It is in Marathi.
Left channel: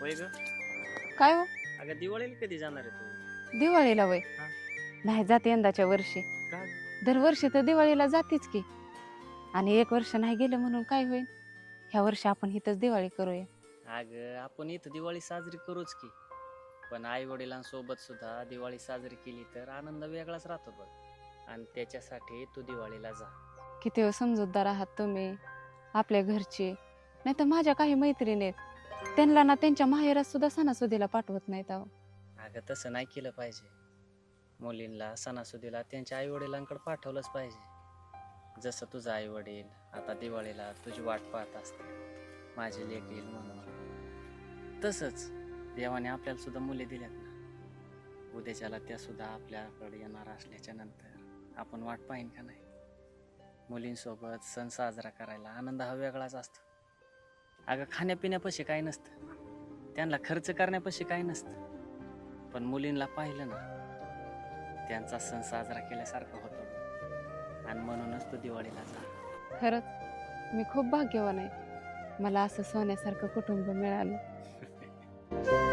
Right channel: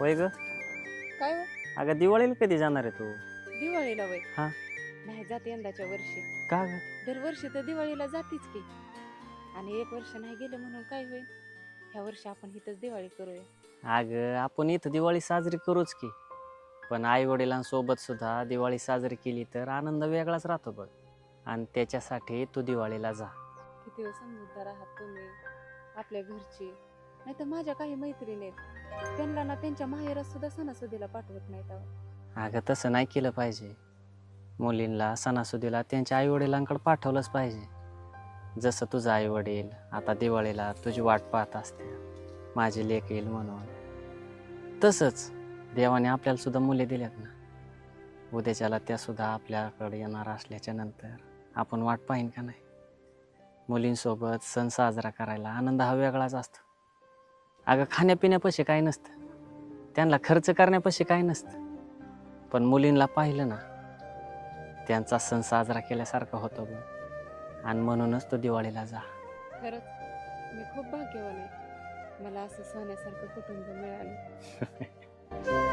होय ग? काय हो अगं दिवाळीला कधी जाणार आहे तू? दिवाळीला वय? हा. नाही जाते यंदाच्या वर्षी. का ग? दरवर्षी तर दिवाळीला जातेच की. आणि एक वर्ष नाही गेलं म्हणून काय होईल? ह्या वर्षी आपण इथंच दिवाळी करूया. अगं आपण इथं दिवाळी साजरी करूच की. पण आई वडिलांसोबत सुद्धा दिवाळी साजरी केली तर आनंद वेगळाच राहतो बघ. आणि त्याच्यासाठी तू दिवाळीला जा. किती वेळ समजूतदार आहात तुम्ही. आपल्या घरचे. नाही तर माझ्या काही मैत्रिणी आहेत. त्यांना ना त्यांच्या माहेरात सुद्धा सणासुदीला पाठवत नाहीत अहो. अगं तसं नाही केलं पाहिजे. मुलींना सणासुदीला त्यांच्या आई वडिलांकडे पाठवलंच पाहिजे. जसं तुझं आई वडील आता दिवाळीला तुझी वाट पाहत असते. माझी लेक येईल म्हणून. तसंच देवाने आपल्याला सुद्धा मुले दिल्यात ना. उद्याच्याला त्या सुद्धा आपल्याकडे येणार असल्याच्या नंतर आपण वाट पाहिन का नाही? मुलींसोबत सण साजरा करायला आनंद हा वेगळाच असतो. अगं खाण्यापिण्यापाशी काय नसतं. त्यांना खर्च करण्यापाशी काय नसतं. पण मुलींना पाहिलं ना त्यांचा सण साजरा केल्यासारखं होतो बघ. आणि म्हणूनच तो दिवाळीला जा. खरंच? मी खूप भाग्यवान आहे. मला असं सोन्यासारखं कुटुंब मिळालं.